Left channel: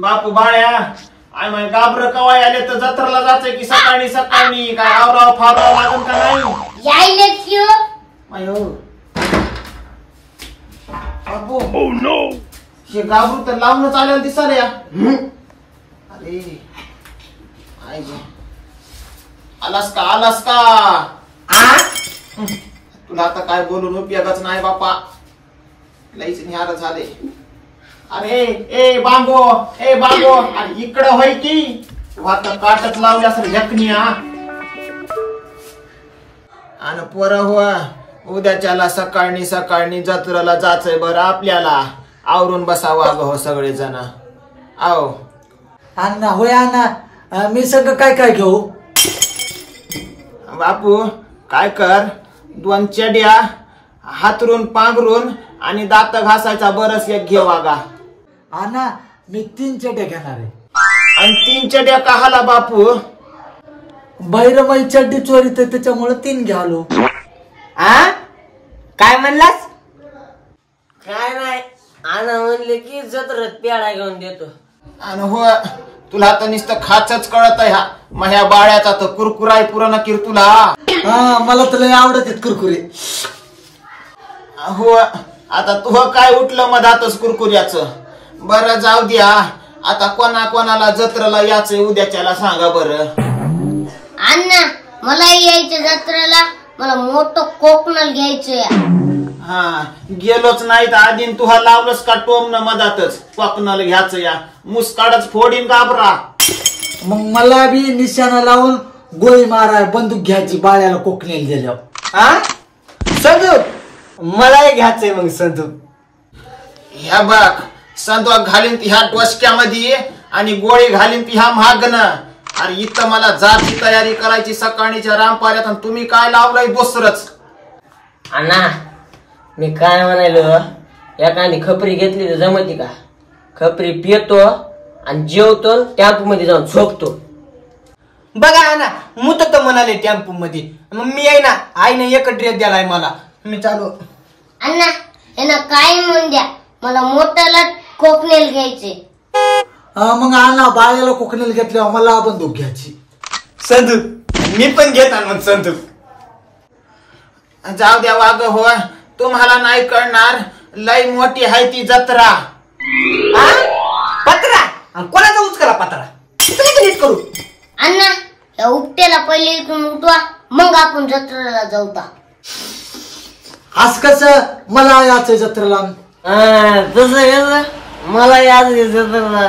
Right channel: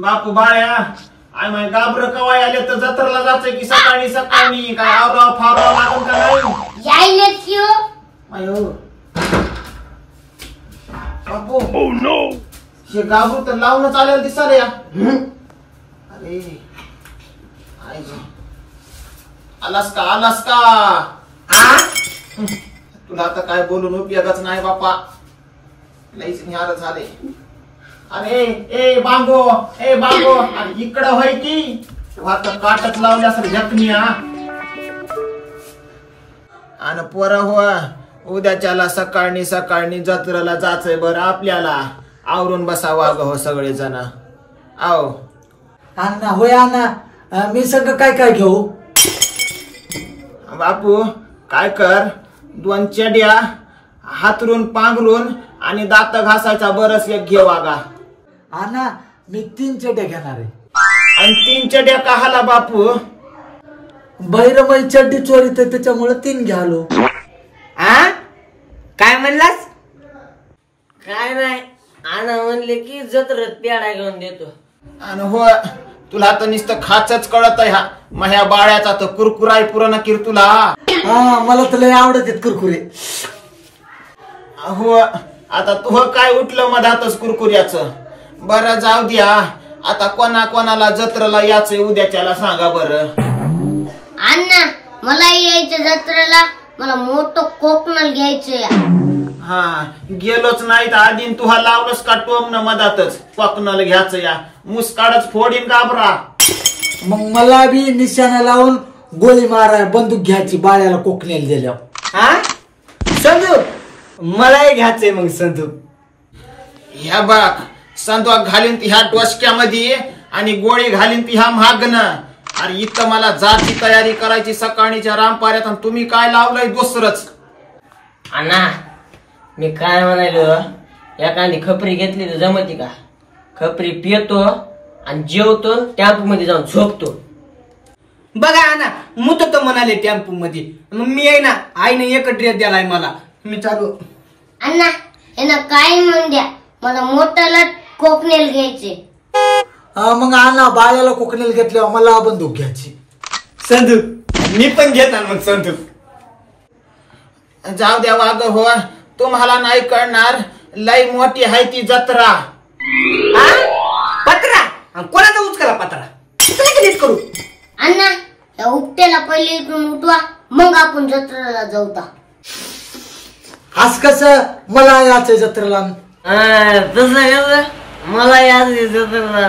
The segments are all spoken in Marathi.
बापू बाळ्या आय माय गाबर कवाय आले तर जत्राला जायचंय की सकाळी सकाळी काय आवराव फावराव लागन का नाही यायलेच की हो. अयो बापू ओह नो हे गाबरू तर लावूनच आलेलं दिसलं या अरे आय आलास का तुला आता काय बोलून उपयोगाच नाही बापा लईच निहार झाले अरे ए बांबो अरे इकडं होय की आता काटच लावली असेल जखनी आणि पोरं हो उद्याच्याला सकाळी जत्रेला जायचंय बरं आपल्याला आवरून बसावं ग हो सगळे जण आओ अण्णा होय अण्णा मी सगळं काय काय घेऊ बापू काय कर 2 चड्या हातरून पांघरून आणि दात घासायचा बरस एक घे वागा अण्णा मी 3 चड्या घेणार आहे आणि 3 चड्या का हाला बापू बैरमय चड्डी चोरीत त्याच्यामुळे 3 घ्यालो काय म्हणलास काय नाही आणा म्हणले की जत्रेत पेढा घेऊन देतो आणि हो तुला तर नुसतं खाचच कळत ह्या मग ह्या बाळ्याचा तर कुरकुराय पुरण किर तुला हा मला तर लय आवडत कुरकुरे हो आता तू काय उठलं मधातच कुरकुऱ्याचं बरं जाऊ द्या आता कोणाला जत्रेला यायचंय उद्याच्याला सांगा बरं अण्णा मला यायचं जत्रेला मला मोठं कोकणल घ्यायचंय हा गेलोच नाही तर आधी तुहा लावलंच का टोमन मधातच कोकणाला घ्यायचं या मुसकाडच फोडीन गाबरा मग मला बी निशाणा लावून गोळी मारा बंदूक घ्यायची बाळ्याला कोकणीला दिल्यावर संदूक मलाही घ्यायचंय मग संदूक ह्या बाग संदूक घालीन ह्या डोसक्यामध्ये आणि गोळी घालीन ह्या महागनं अरे इथं मला जाची तयारी करायची सकाळीच्या रामपाऱ्यात आणि तुम्ही काय लावलंय दुसरंच अण्णा मी काय म्हणालो एखादी खपरी घेतली तर जमती का खपरी पितो आणि जेवतो टॅम्पो मध्ये जाऊन झोपतो बघा ना मुत तर म्हणाले टेम्पो मध्ये मग मी आहे ना आईने एक ड्रेस द्यालाय मला मी चालू अण्णा यांना काय म्हणून द्या मला मोठ्याला कोकणेल घ्यायचे मग अण्णा बाळ्याला कोकणीला घेतल्यावर मला बंदूक घ्यायची संदूक मी पण घेणार मग संदूक जाऊ द्या वाग हो तुम्हाला नाही कळणार लई मोठी आहे ती जत्रा पत्रा कोणाचा उचकला पत्रा नीट करू अण्णा या उपट्याला पहिले इकडून उठवा मग आपण जत्रेला जाऊता आज कसं मला याचं जत्रेला तसं मला याद जत्रेला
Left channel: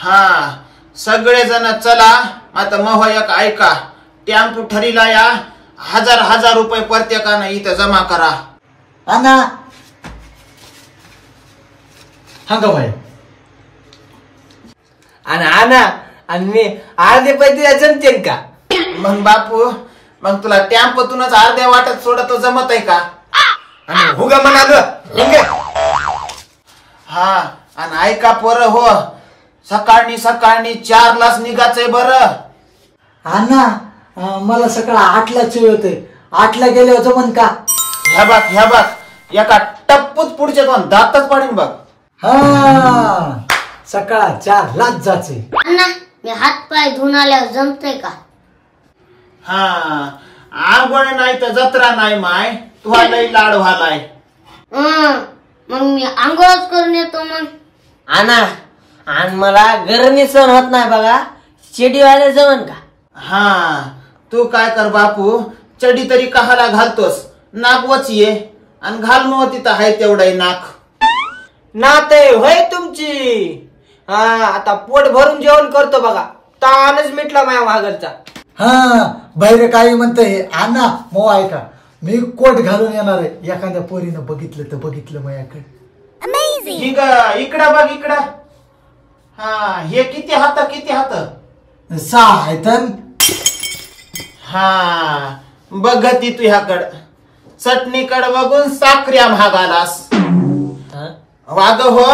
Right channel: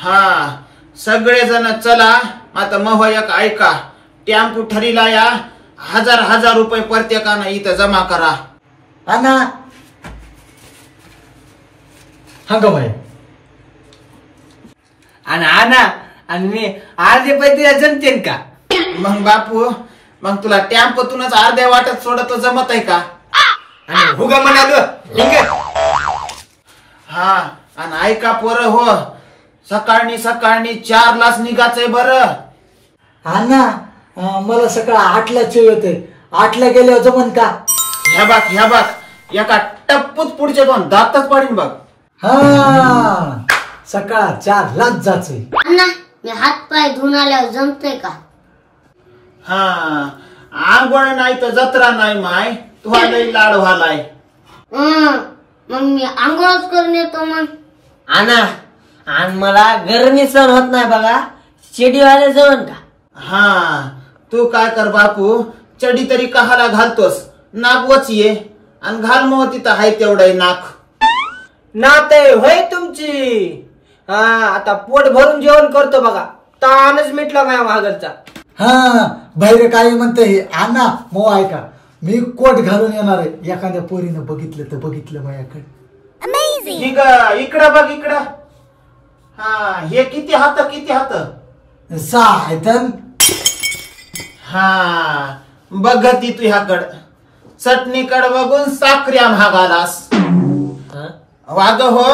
हा सगळेजण चला आता महोयक ऐका टॅम्पो ठरीला या 1000 रुपये प्रत्येकानं इथं जमा करा अण्णा हा ग भाई आणि मी अर्धे पैसे जमतेन का मग बापू मग तुला टॅम्पोतूनच अर्ध्या वाटत सोडत जमत आहे का हुगा म्हणाल हा आणि ऐका पोर हो सकाळी 4 लाच निघायचंय बरं अण्णा मला सकाळ 8ला येते 8ला गेल्यावर जमन का ह्या बाग एका टप्पूत पुढचे 2 दातच पाडीन बघ हा सकाळ 4लाच जायचे अण्णा मी हात पाय धुवून आल्यावर जमतय का हा आंघोळ नाही तर जत्रा नाही माय तुला लई लाड व्हालाय मग मी आंघोळच करून येतो मग आणा आणि मला गरमी सहन होत नाही बघा शेडीवाले जमन का हा तू काय कर बापू चडी तरी कहाला घालतोस नाक वचिये आणि घाल मग तिथं हाय तेवढाही नाक नाते होय तुमची हा आता पोट भरून जेवण करतो बघा तानच मिटला माझ्या भागरचा हा बाहेर काही म्हणते अण्णा मग ऐका मी कोट घालून येणार आहे एखाद्या पोरीनं बघितलं तर बघितलं माझ्याकडे इकडं बघ इकडं हा हे किती हात 6 आहेत हा बघ ती तुझ्याकड चटणीकड बघून साखऱ्या महागालास वाग हो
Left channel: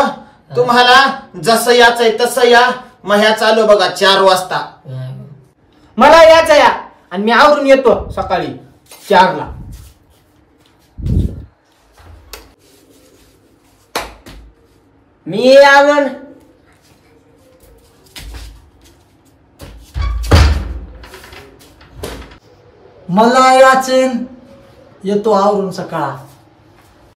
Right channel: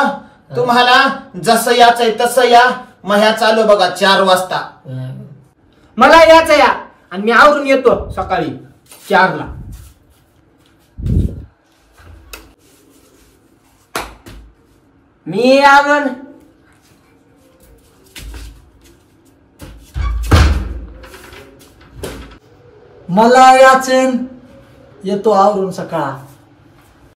तुम्हाला जसं याचंय तसं या मह्या चालू बघा 4 वाजता मला यायचं या आणि मी आवरून येतो सकाळी 4ला मी आलो ना मला याचेन येतो आवरून सकाळ.